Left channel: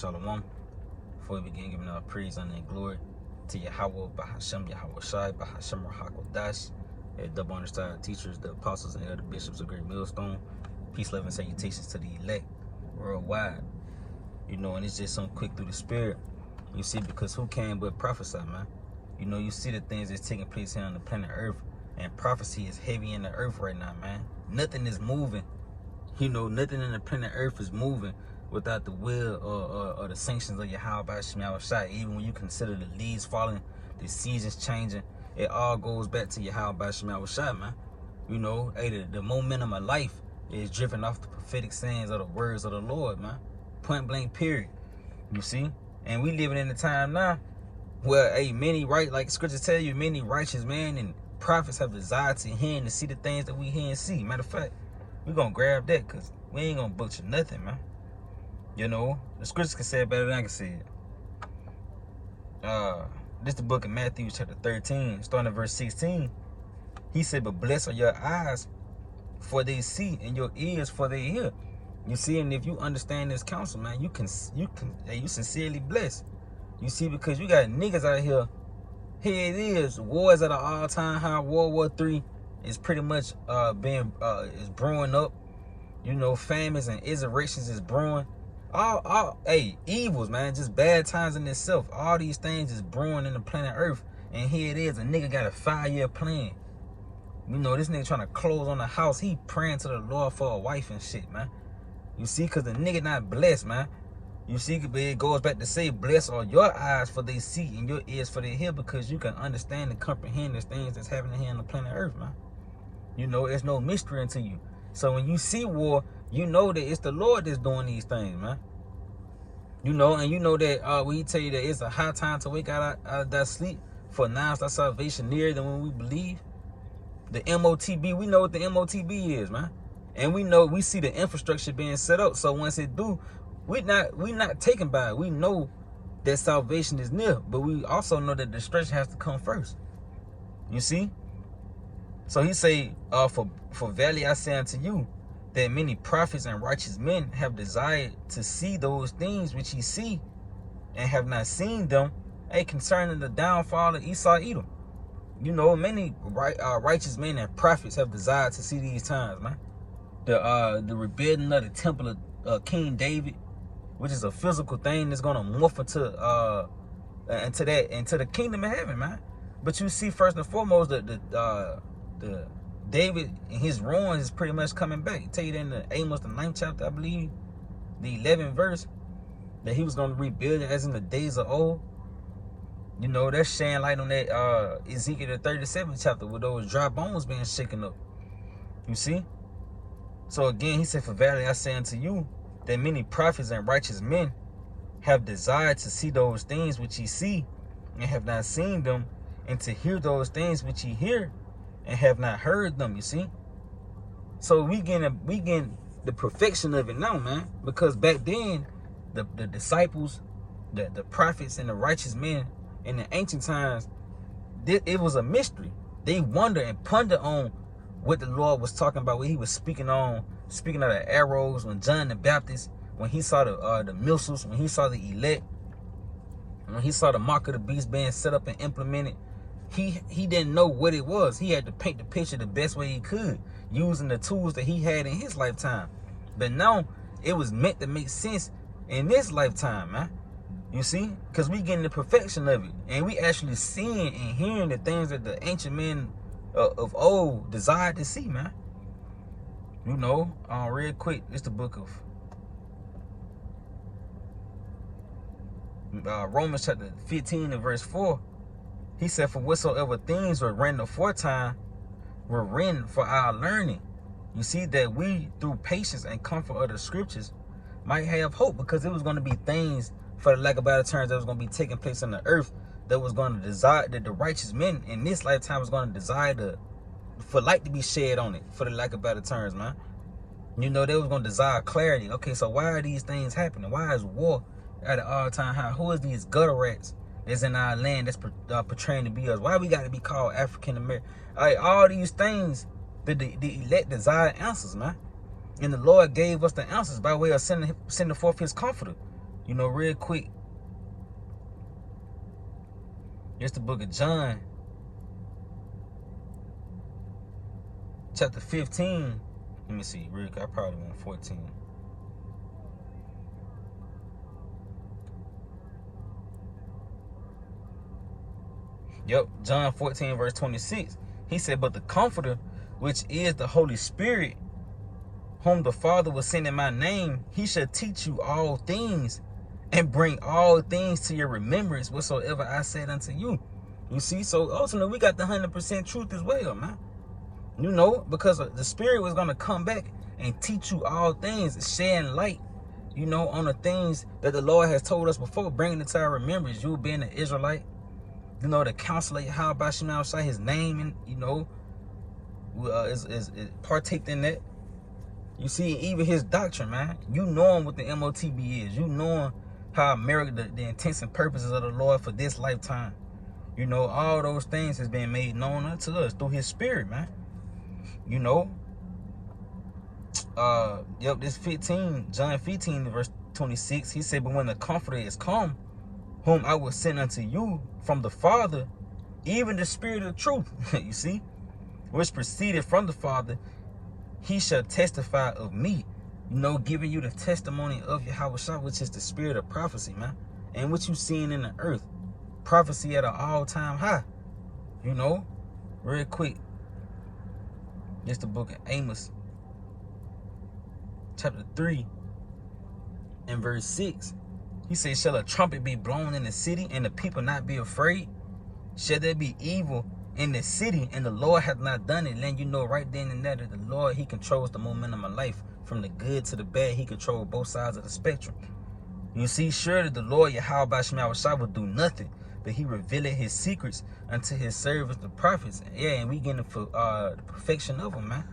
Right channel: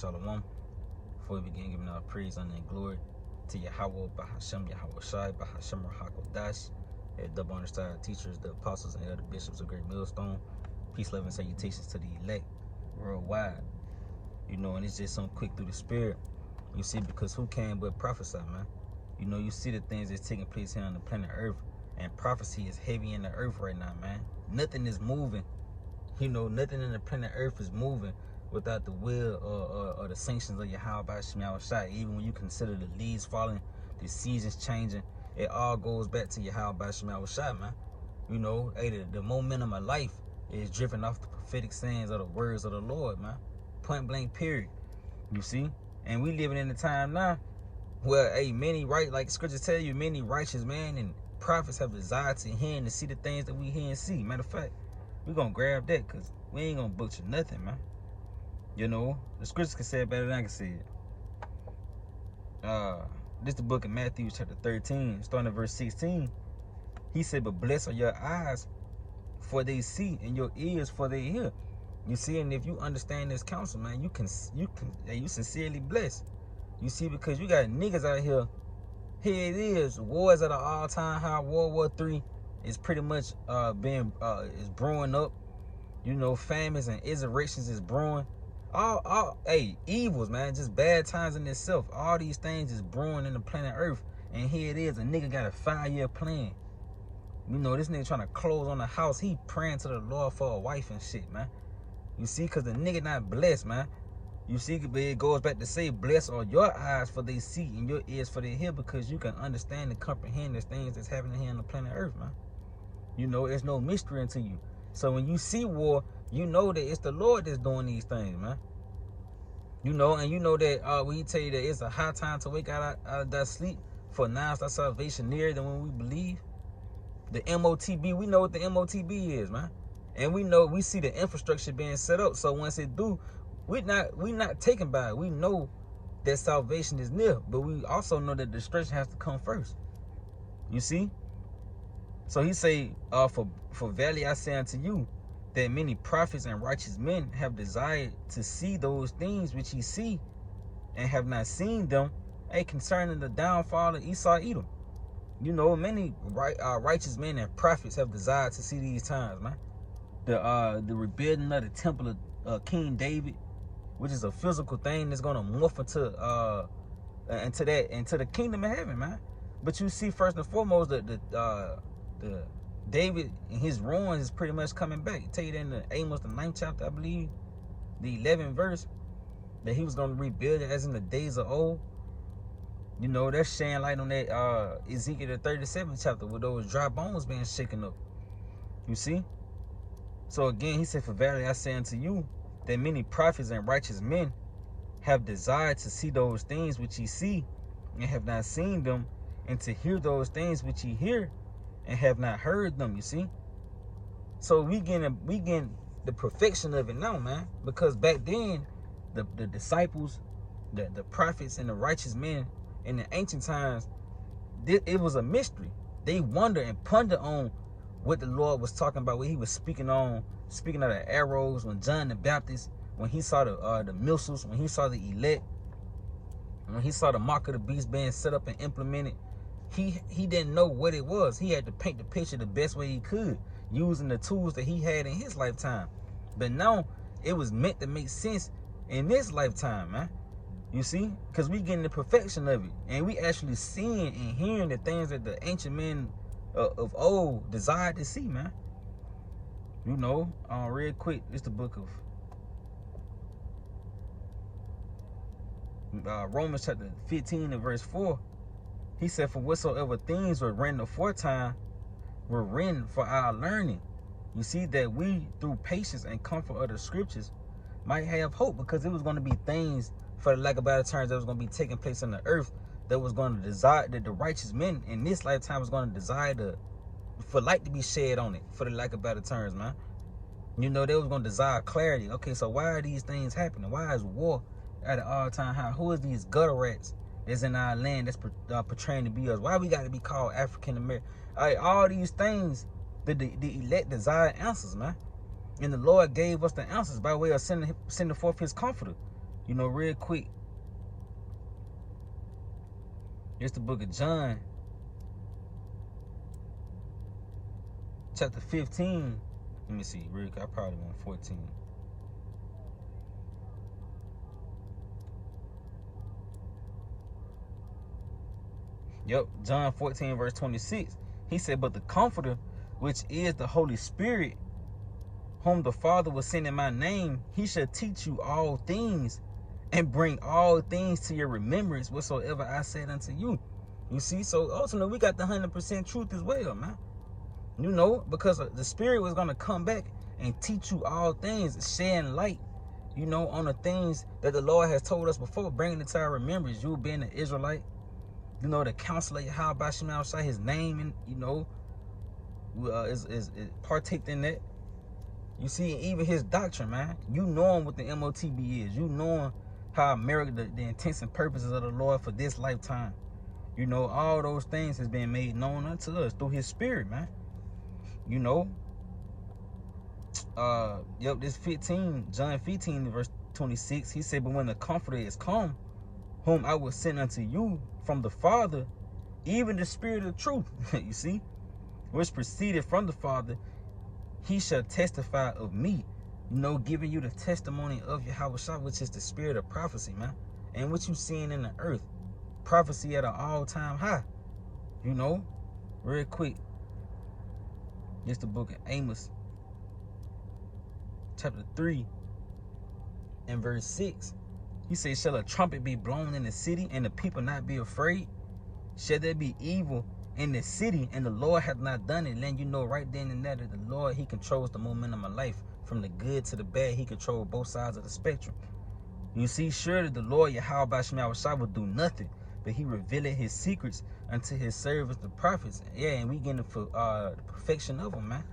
Shalom. Before we begin, giving our praise, honor, and glory to Yahweh, Bahashem, Yahweh Shai, Bahashem, Rahakodash, double underside teachers, the apostles, and other bishops of Great Millstone. Peace, love, and salutations to the elect worldwide. And it's just something quick through the spirit. You see, because who can but prophesy, man? You see the things that's taking place here on the planet Earth, and prophecy is heavy in the earth right now, man. Nothing is moving. Nothing in the planet Earth is moving without the will or the sanctions of Yahweh Shai Shai. Even when you consider the leaves falling, the seasons changing, it all goes back to Yahweh Shai, man. The momentum of life is driven off the prophetic sayings of the words of the Lord, man. Point blank, period. You see? And we living in a time now where, like scriptures tell you, many righteous men and prophets have desire to hear and to see the things that we hear and see. Matter of fact, we're going to grab that because we ain't going to butcher nothing, man. The scriptures can say it better than I can say it. This the book of Matthew chapter 13, starting at verse 16. He said, but blessed are your eyes for they see and your ears for they hear. You see, and if you understand this counsel, man, you sincerely blessed. You see, because you got niggas out here. Here it is, wars at an all-time high. World War III is pretty much is brewing up. Famines and insurrections is brewing. All evils, man, just bad times in itself. All these things is brewing in the planet Earth, and here it is. A nigga got a 5-year plan. This nigga trying to close on the house. He praying to the Lord for a wife and shit, man. You see, because the nigga not blessed, man. You see, it goes back to say, blessed are your eyes for they see and your ears for they hear, because you can understand and comprehend the things that's happening here on the planet Earth, man. It's no mystery unto you. So when you see war, you know that it's the Lord that's doing these things, man. And you know that when he tell you that it's a high time to wake out of that sleep, for now is our salvation nearer than when we believe. The MOTB, we know what the MOTB is, man. And we see the infrastructure being set up. So once it do, we not taken by it. We know that salvation is near, but we also know that destruction has to come first. You see? So he say, for verily I say unto you, that many prophets and righteous men have desired to see those things which ye see, and have not seen them, concerning the downfall of Esau Edom. Many righteous men and prophets have desired to see these times, man. The rebuilding of the temple of King David, which is a physical thing that's gonna morph into the kingdom of heaven, man. But you see, first and foremost, the David and his ruins is pretty much coming back. I tell you that in the Amos, the 9th chapter, I believe, the 11th verse, that he was gonna rebuild it as in the days of old. That's shining light on that Ezekiel the 37th chapter with those dry bones being shaken up. You see? So again, he said, for verily I say unto you, that many prophets and righteous men have desired to see those things which ye see, and have not seen them, and to hear those things which ye hear, and have not heard them. You see? So we getting the perfection of it now, man. Because back then, the disciples, the prophets and the righteous men in the ancient times, it was a mystery. They wonder and ponder on what the Lord was talking about, what he was speaking of the arrows, when John the Baptist, when he saw the missiles, when he saw the elect, when he saw the mark of the beast being set up and implemented, he didn't know what it was. He had to paint the picture the best way he could, using the tools that he had in his lifetime. But now, it was meant to make sense in this lifetime, man. You see? Because we getting the perfection of it. And we actually seeing and hearing the things that the ancient men of old desired to see, man. Real quick, it's the book of Romans chapter 15 and verse 4. He said, for whatsoever things were written aforetime were written for our learning. You see, that we through patience and comfort of the scriptures might have hope, because it was going to be things, for the lack of better terms, that was going to be taking place on the earth, that was going to desire, that the righteous men in this lifetime was going to desire for light to be shed on it, for the lack of better terms, man. They was going to desire clarity. Okay, so why are these things happening? Why is war at an all-time high? Who is these gutter rats that's in our land that's portraying to be us? Why we got to be called African American? All these things that the elect desire answers, man. And the Lord gave us the answers by way of sending forth his comforter. You know, real quick. It's the book of John, chapter 15. Let me see, real quick. I probably want 14. Yep, John 14, verse 26. He said, but the Comforter, which is the Holy Spirit, whom the Father will send in my name, he shall teach you all things and bring all things to your remembrance whatsoever I said unto you. You see, so ultimately we got the 100% truth as well, man. You know, because the Spirit was going to come back and teach you all things, shedding light, you know, on the things that the Lord has told us before, bringing it to our remembrance. You being an Israelite, you know, the counselor, how about Shema Shai, his name, and, you know, is partaked in that. You see, even his doctrine, man. You knowing what the MOTB is. You knowing how America, the intents and purposes of the Lord for this lifetime. You know, all those things has been made known unto us through his Spirit, man. You know. Yep, this 15, John 15, verse 26, he said, but when the Comforter is come, whom I will send unto you from the Father, even the Spirit of truth, you see, which proceeded from the Father, he shall testify of me, you know, giving you the testimony of Yahushua, which is the spirit of prophecy, man. And what you seeing in the earth, prophecy at an all-time high, you know. Real quick, this the book of Amos, chapter 3, and verse 6. He says, shall a trumpet be blown in the city, and the people not be afraid? Shall there be evil in the city, and the Lord hath not done it? Letting you know right then and there that the Lord, he controls the momentum of life. From the good to the bad, he controls both sides of the spectrum. You see, surely the Lord, Yahweh Shema Shai, will do nothing, but he revealed his secrets unto his servants, the prophets. Yeah, and we getting the perfection of them, man.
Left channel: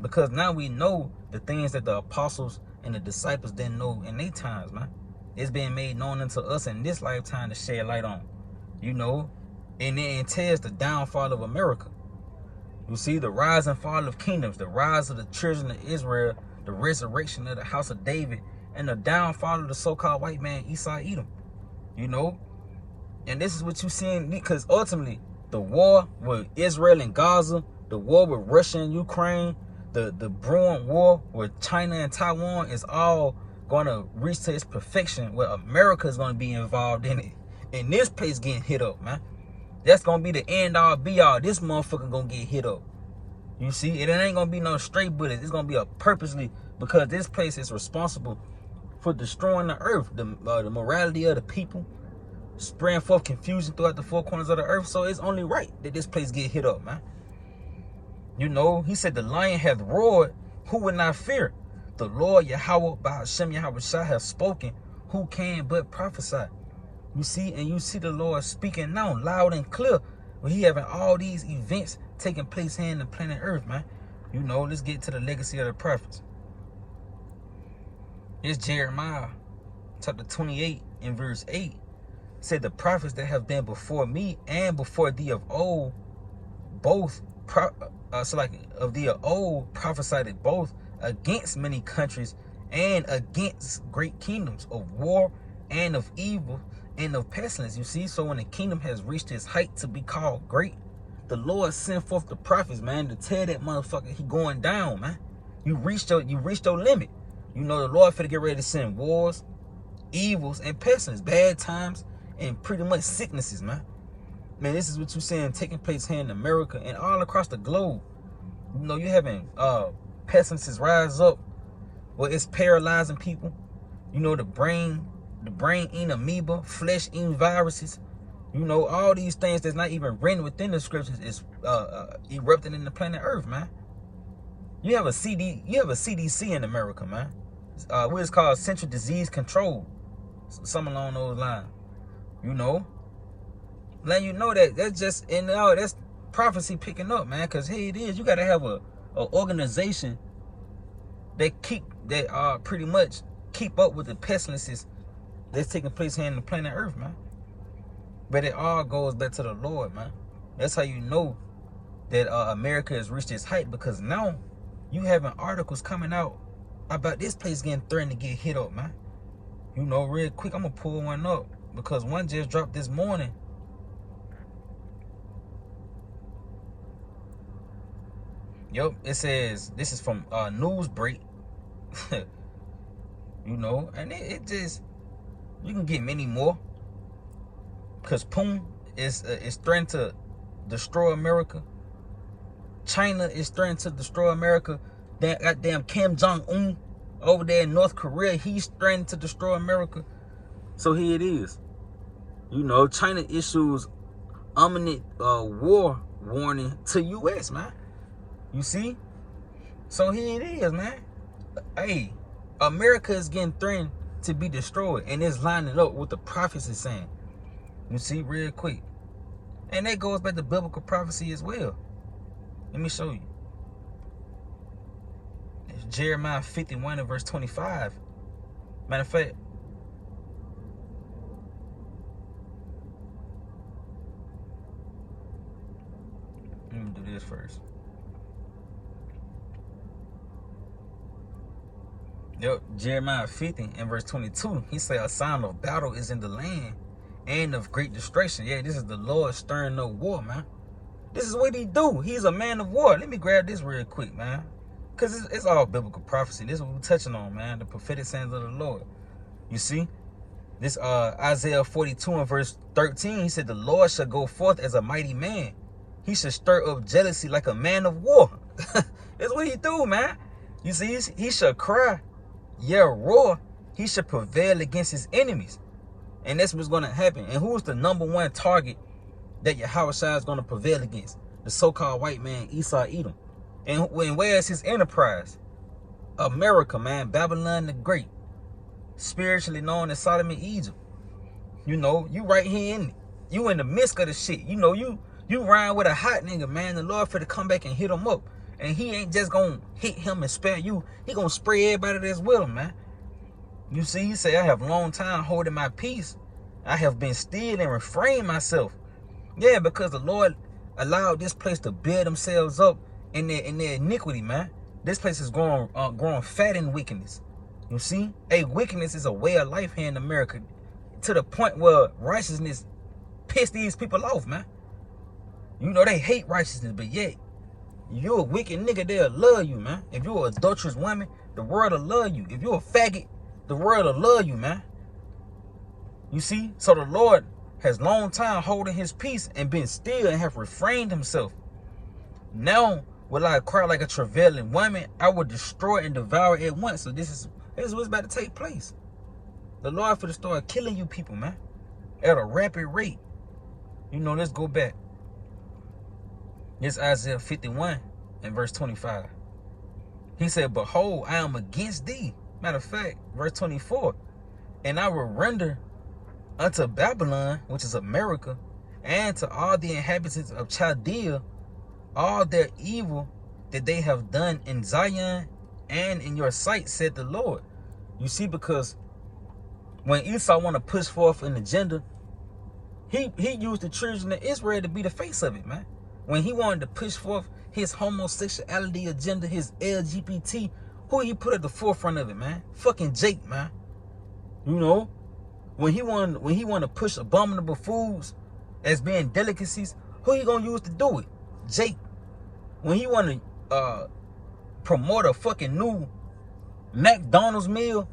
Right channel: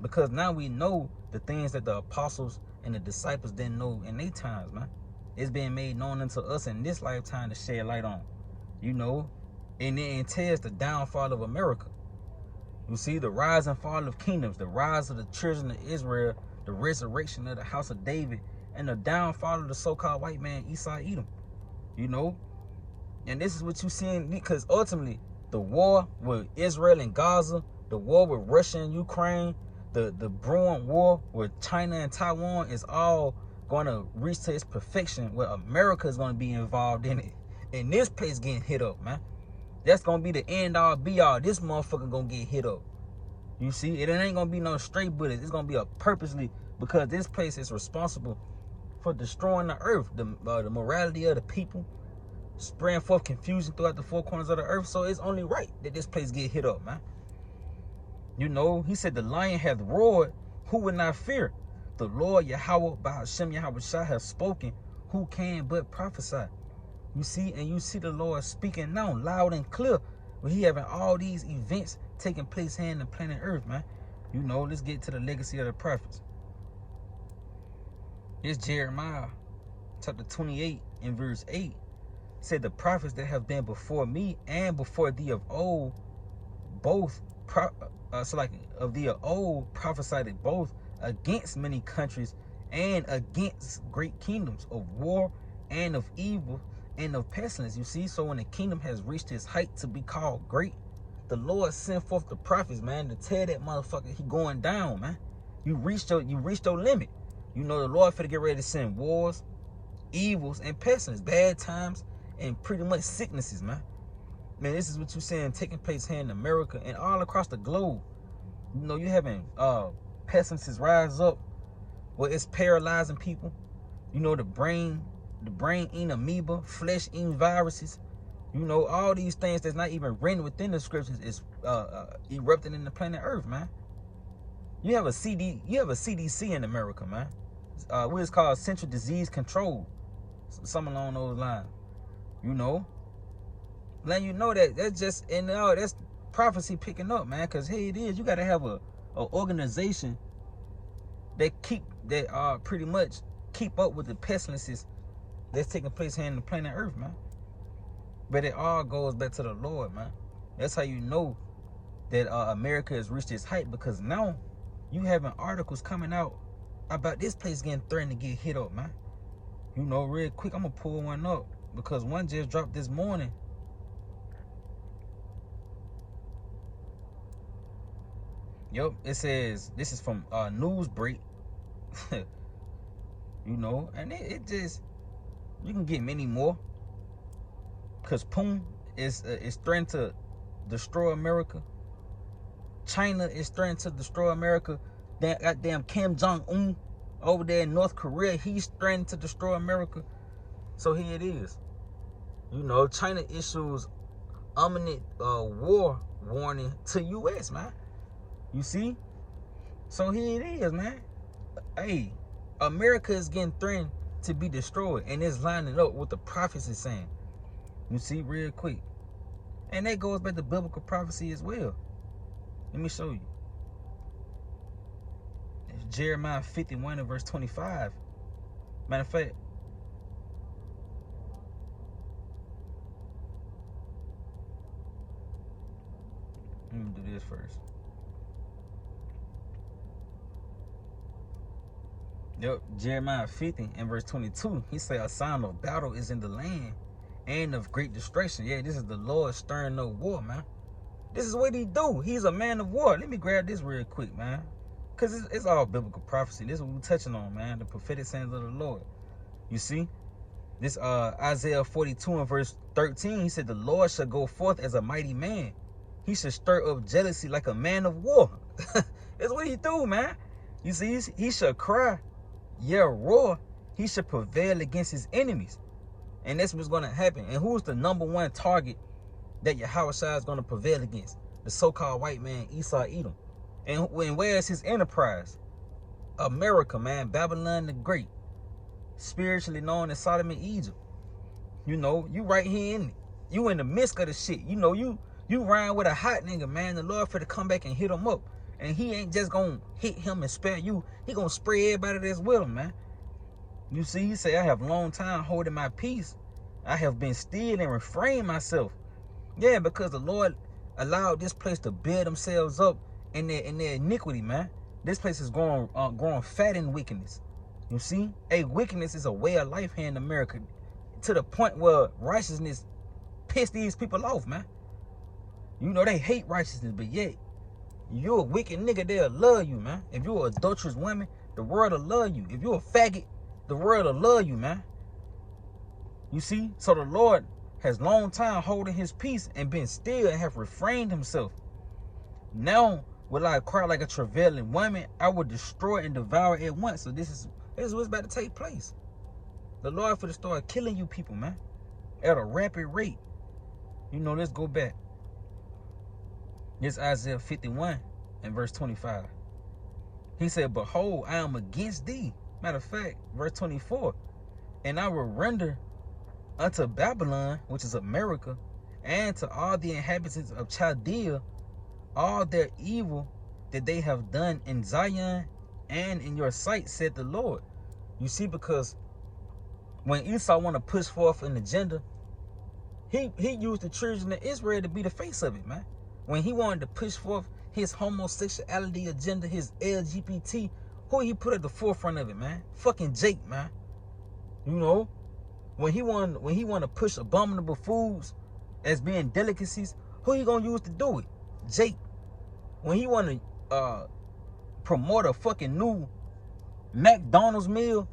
Because now we know the things that the apostles and the disciples didn't know in their times, man. It's being made known unto us in this lifetime to shed light on, you know. And it entails the downfall of America. You see, the rise and fall of kingdoms, the rise of the children of Israel, the resurrection of the house of David, and the downfall of the so-called white man, Esau Edom. You know? And this is what you're seeing, because ultimately, the war with Israel and Gaza, the war with Russia and Ukraine, the brewing war with China and Taiwan is all going to reach to its perfection, where America is going to be involved in it. And this place getting hit up, man. That's going to be the end all be all. This motherfucker going to get hit up. You see, it ain't going to be no straight bullets. It's going to be a purposely, because this place is responsible for destroying the earth, the morality of the people, spreading forth confusion throughout the four corners of the earth. So it's only right that this place get hit up, man. You know, he said the lion hath roared, who would not fear? The Lord Yahweh by Hashem Yahweh Shai have spoken, who can but prophesy? You see, and you see the Lord speaking now loud and clear, when he having all these events taking place here in the planet Earth, man. You know, let's get to the legacy of the prophets. It's Jeremiah chapter 28 and verse 8. Said the prophets that have been before me and before thee of old, both prophesied both against many countries and against great kingdoms, of war and of evil and of pestilence. You see, so when the kingdom has reached its height to be called great, the Lord sent forth the prophets, man, to tell that motherfucker he going down, man. You reached your limit. You know the Lord finna get ready to send wars, evils, and pestilence, bad times, and pretty much sicknesses, man. Man, this is what you're saying taking place here in America and all across the globe. You know, you're having pestilences rise up where it's paralyzing people. You know, the brain eating amoeba, flesh eating viruses. You know, all these things that's not even written within the scriptures is erupting in the planet Earth, man. You have a CDC in America, man. What is called Central Disease Control, something along those lines. You know, letting you know that that's just that's prophecy picking up, man. Because here it is, you got to have a organization that pretty much keep up with the pestilences that's taking place here in the planet Earth, man. But it all goes back to the Lord, man. That's how you know that America has reached its height, because now you having articles coming out about this place getting threatened to get hit up, man. You know, real quick, I'm going to pull one up because one just dropped this morning. Yep, it says, this is from Newsbreak. You know, and it just, you can get many more. Because Putin is threatening to destroy America. China is threatening to destroy America. That goddamn Kim Jong-un over there in North Korea, he's threatening to destroy America. So here it is. You know, China issues imminent war warning to U.S., man. You see? So here it is, man. Hey, America is getting threatened to be destroyed, and it's lining up with the prophecy saying. You see, real quick. And that goes back to biblical prophecy as well. Let me show you. It's Jeremiah 51 and verse 25. Matter of fact, let me do this first. Yep, Jeremiah 50 and verse 22. He said, a sign of battle is in the land and of great destruction. Yeah, this is the Lord stirring up war, man. This is what he do. He's a man of war. Let me grab this real quick, man. Because it's all biblical prophecy. This is what we're touching on, man. The prophetic sayings of the Lord. You see? This Isaiah 42 and verse 13, he said, the Lord shall go forth as a mighty man. He should stir up jealousy like a man of war. That's what he do, man. You see, he shall cry, yeah, roar. He should prevail against his enemies. And that's what's going to happen. And who's the number one target that Yahushua is going to prevail against? The so-called white man, Esau Edom. And where is his enterprise? America, man. Babylon the Great. Spiritually known as Sodom and Egypt. You know, you right here in it. You in the midst of the shit. You know, you rhyme with a hot nigga, man. The Lord for to come back and hit him up. And he ain't just going to hit him and spare you. He going to spray everybody that's with him, man. You see, he say, I have long time holding my peace. I have been still and refrained myself. Yeah, because the Lord allowed this place to build themselves up in their iniquity, man. This place is growing fat in wickedness. You see? Hey, wickedness is a way of life here in America. To the point where righteousness piss these people off, man. You know, they hate righteousness, but yet, you're a wicked nigga, they'll love you, man. If you're an adulterous woman, the world will love you. If you're a faggot, the world will love you, man. You see? So the Lord has long time holding his peace and been still and have refrained himself. Now will I cry like a travailing woman. I will destroy and devour at once. So this is what's about to take place. The Lord for to start killing you people, man, at a rapid rate. You know, let's go back. This Isaiah 51 and verse 25. He said, behold, I am against thee. Matter of fact, verse 24. And I will render unto Babylon, which is America, and to all the inhabitants of Chaldea, all their evil that they have done in Zion and in your sight, said the Lord. You see, because when Esau want to push forth an agenda, he used the children of Israel to be the face of it, man. When he wanted to push forth his homosexuality agenda, his LGBT, who he put at the forefront of it, man? Fucking Jake, man. You know, when he want to push abominable foods as being delicacies, who he gonna use to do it? Jake. When he want to promote a fucking new McDonald's meal,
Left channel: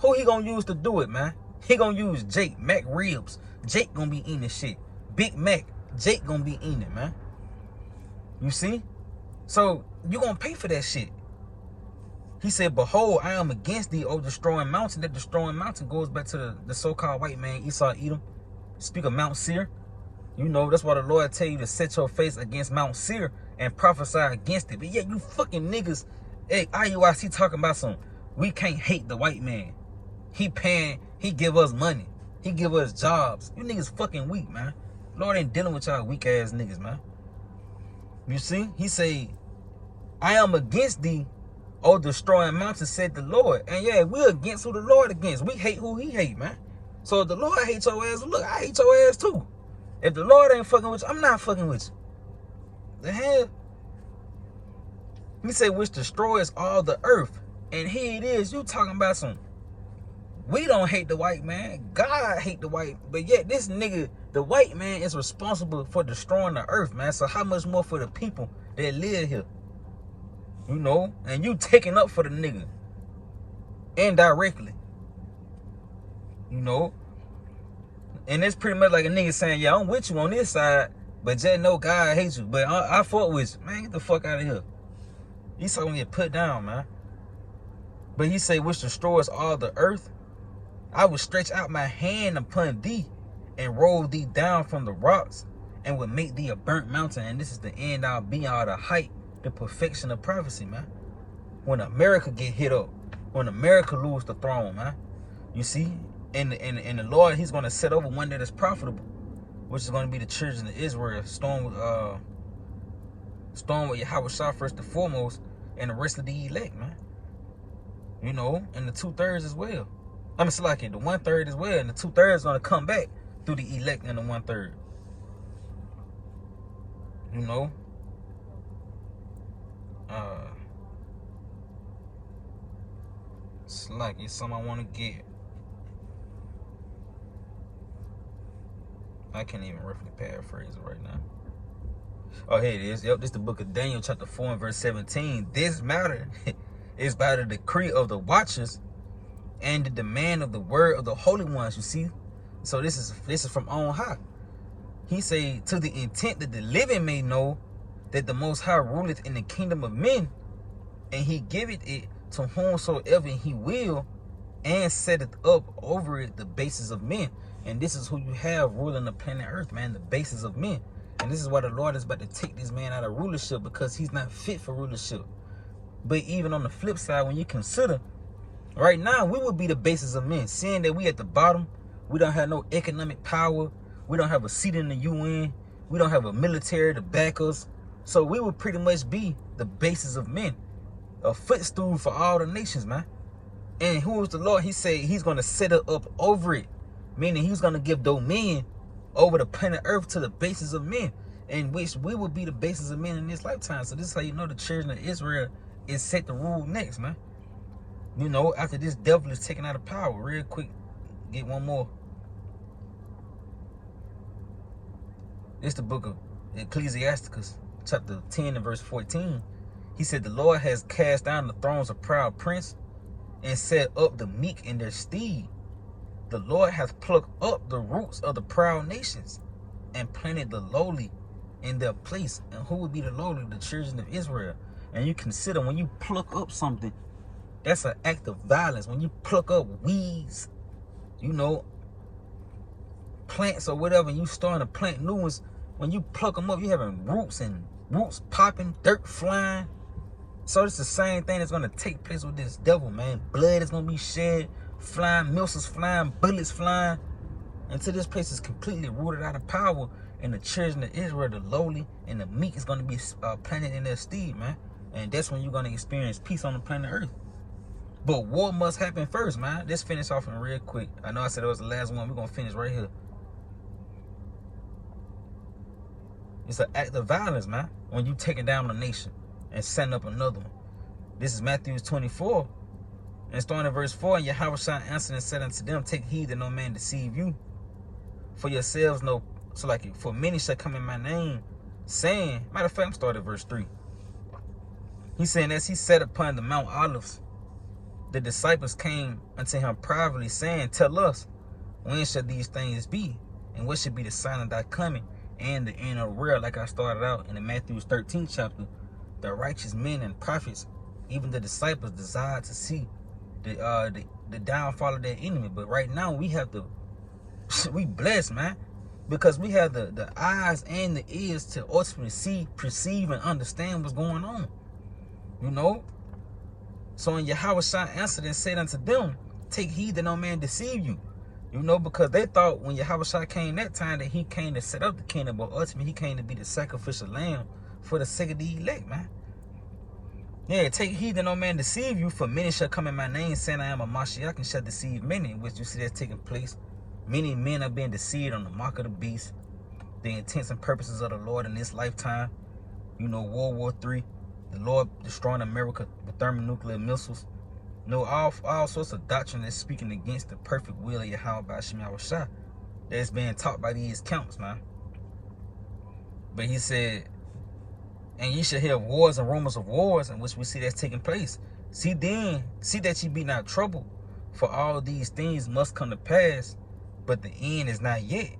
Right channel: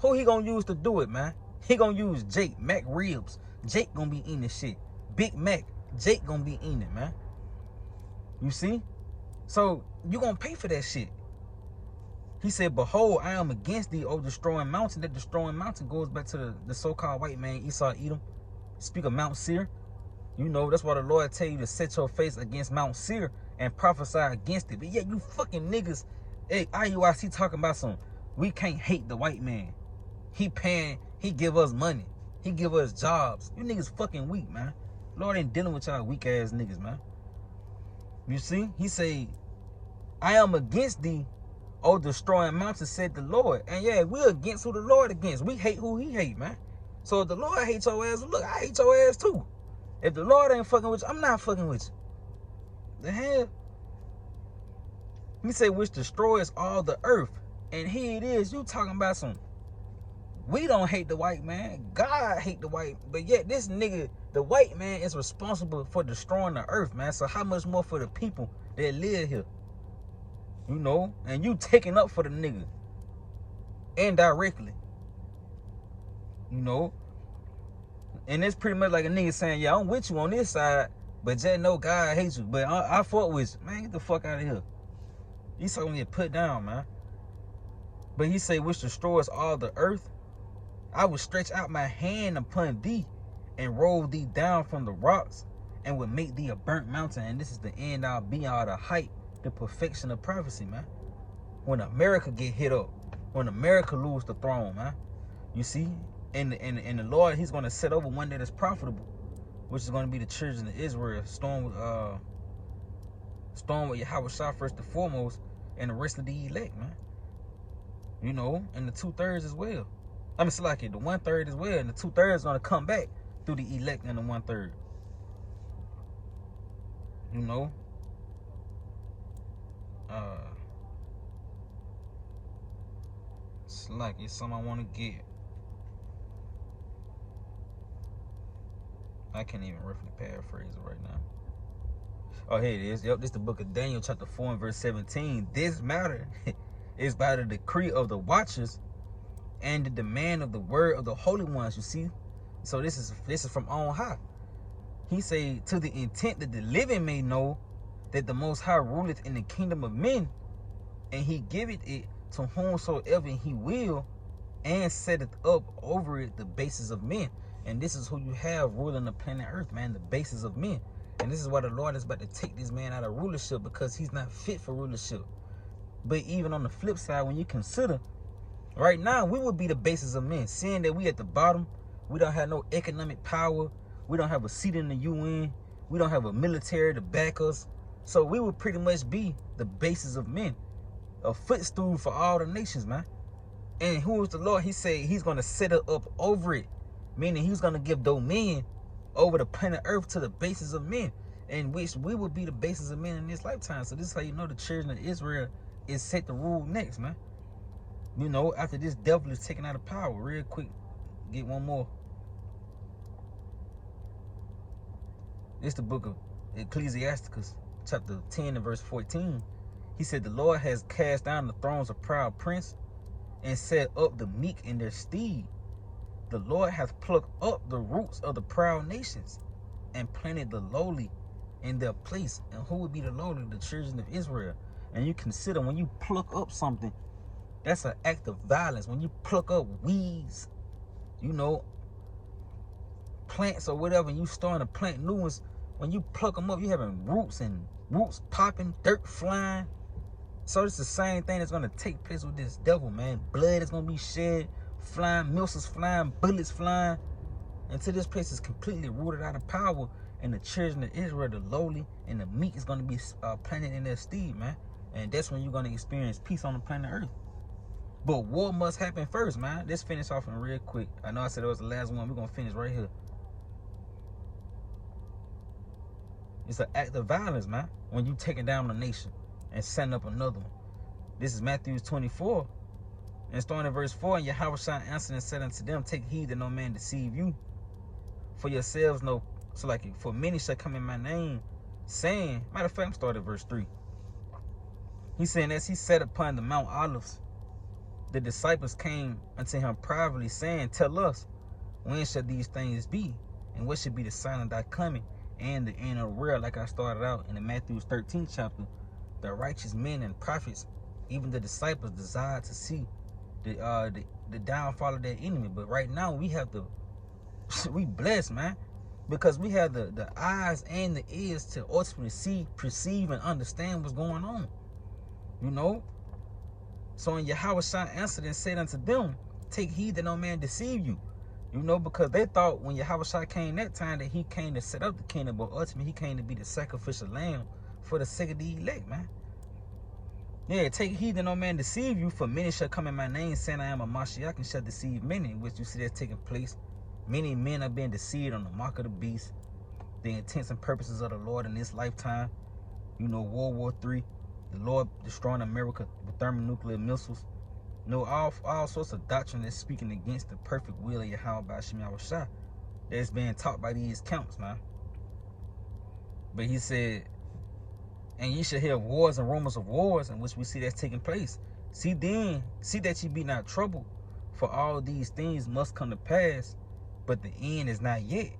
who he gonna use to do it, man? He gonna use Jake. Mac ribs. Jake gonna be eating this shit. Big Mac. Jake gonna be eating it, man. You see? So you gonna pay for that shit. He said, behold, I am against thee, O destroying mountain. That destroying mountain goes back to the so-called white man, Esau Edom. Speak of Mount Seir. You know, that's why the Lord tell you to set your face against Mount Seir and prophesy against it. But yet you fucking niggas, hey, IUIC talking about some, we can't hate the white man. He paying, he give us money. He give us jobs. You niggas fucking weak, man. Lord ain't dealing with y'all weak ass niggas, man. You see? He say, I am against thee, O destroying mountain, said the Lord. And yeah, we're against who the Lord against. We hate who he hate, man. So if the Lord hates your ass, look, I hate your ass too. If the Lord ain't fucking with you, I'm not fucking with you. The hell? He said, which destroys all the earth. And here it is, you talking about some We don't hate the white man. God hate the white. But yet this nigga, the white man, is responsible for destroying the earth, man. So how much more for the people that live here? You know? And you taking up for the nigga. Indirectly. You know? And it's pretty much like a nigga saying, yeah, I'm with you on this side, but just know God hates you. But I fought with you. Man, get the fuck out of here. He's gonna get put down, man. But he say, which destroys all the earth, I will stretch out my hand upon thee and roll thee down from the rocks and will make thee a burnt mountain. And this is the end all be all, the height, the perfection of prophecy, man. When America get hit up, when America lose the throne, man. You see? And the Lord, he's going to set over one that is profitable, which is going to be the children of Israel, storm with Yahweh Shah first and foremost, and the rest of the elect, man. You know, and the 2/3 as well. I mean, it's like it, the 1/3 as well, and the 2/3 is going to come back through the elect and the 1/3. You know? It's like it's something I want to get. I can't even roughly paraphrase it right now. Oh, here it is. Yep, this is the book of Daniel, chapter 4 and verse 17. This matter is by the decree of the watchers and the demand of the word of the holy ones, you see. So this is from on high. He say, to the intent that the living may know that the Most High ruleth in the kingdom of men, and he giveth it to whomsoever he will, and setteth up over it the bases of men. And this is who you have ruling the planet Earth, man, the bases of men. And this is why the Lord is about to take this man out of rulership, because he's not fit for rulership. But even on the flip side, when you consider, right now, we would be the bases of men, seeing that we at the bottom, we don't have no economic power, we don't have a seat in the UN, we don't have a military to back us. So we would pretty much be the bases of men, a footstool for all the nations, man. And who is the Lord? He said he's going to set it up over it, meaning he's going to give dominion over the planet Earth to the bases of men, in which we will be the bases of men in this lifetime. So this is how you know the children of Israel is set to rule next, man. You know, after this devil is taken out of power. Real quick, get one more. This is the book of Ecclesiasticus, chapter 10 and verse 14. He said, the Lord has cast down the thrones of proud prince and set up the meek in their stead. The Lord hath plucked up the roots of the proud nations and planted the lowly in their place. And who would be the lowly? The children of Israel. And you consider, when you pluck up something, that's an act of violence. When you pluck up weeds, you know, plants or whatever, and you starting to plant new ones, when you pluck them up, you having roots popping, dirt flying. So it's the same thing that's going to take place with this devil, man. Blood is going to be shed, flying, missiles flying, bullets flying, until this place is completely rooted out of power. And the children of Israel, the lowly and the meek, is going to be planted in their stead, man. And that's when you're going to experience peace on the planet Earth. But war must happen first, man. Let's finish off in real quick. I know I said it was the last one. We're going to finish right here. It's an act of violence, man, when you taking down a nation and setting up another one. This is Matthew 24. And starting in verse 4, and Yahweh Shah answered and said unto them, take heed that no man deceive you. For yourselves know, so like, for many shall come in my name, saying, matter of fact, I'm starting at verse 3. He's saying, as he sat upon the Mount Olives, the disciples came unto him privately, saying, tell us, when shall these things be? And what should be the sign of thy coming and the end of the world? Like I started out in the Matthew 13th chapter, the righteous men and prophets, even the disciples, desired to see the downfall of their enemy. But right now we have to, we blessed, man, because we have the eyes and the ears to ultimately see, perceive, and understand what's going on. You know? So when Yahweh Shah answered and said unto them, take heed that no man deceive you. You know, because they thought when Yahweh Shah came that time that he came to set up the kingdom, but ultimately he came to be the sacrificial lamb for the sake of the elect, man. Yeah, take heed that no man deceive you, for many shall come in my name, saying I am a Mashiach, and shall deceive many, which you see that's taking place. Many men are being deceived on the mark of the beast, the intents and purposes of the Lord in this lifetime. You know, World War III, the Lord destroying America with thermonuclear missiles. No, all sorts of doctrine that's speaking against the perfect will of Yahweh by Hashem Yahushua that's being taught by these counts, man. But he said, and ye shall hear wars and rumors of wars, in which we see that's taking place. See that ye be not troubled, for all these things must come to pass, but the end is not yet.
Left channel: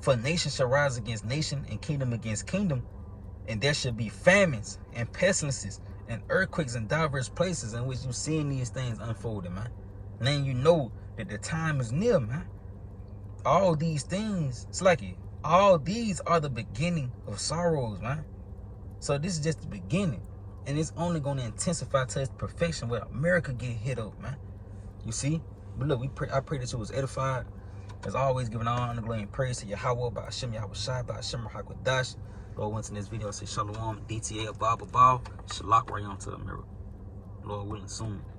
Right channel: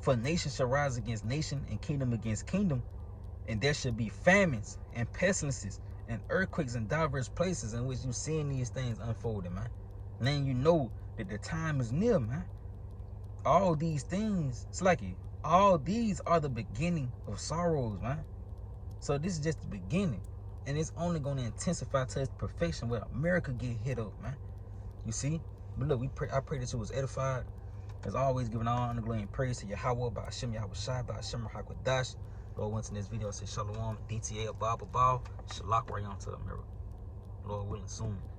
For nation shall rise against nation, and kingdom against kingdom, and there shall be famines and pestilences and earthquakes in diverse places, in which you seeing these things unfolding, man. And then you know that the time is near, man. All these things, it's like it. All these are the beginning of sorrows, man. So this is just the beginning, and it's only going to intensify to its perfection where America get hit up, man. You see? But look, I pray that you was edified. As always, giving honor, glory, and praise to Yahweh by Hashem Yahushua by Hashem Hakwadash. Lord, once in this video, I say Shalom, DTA, Abba, Shalak, right on to America. Lord willing, soon.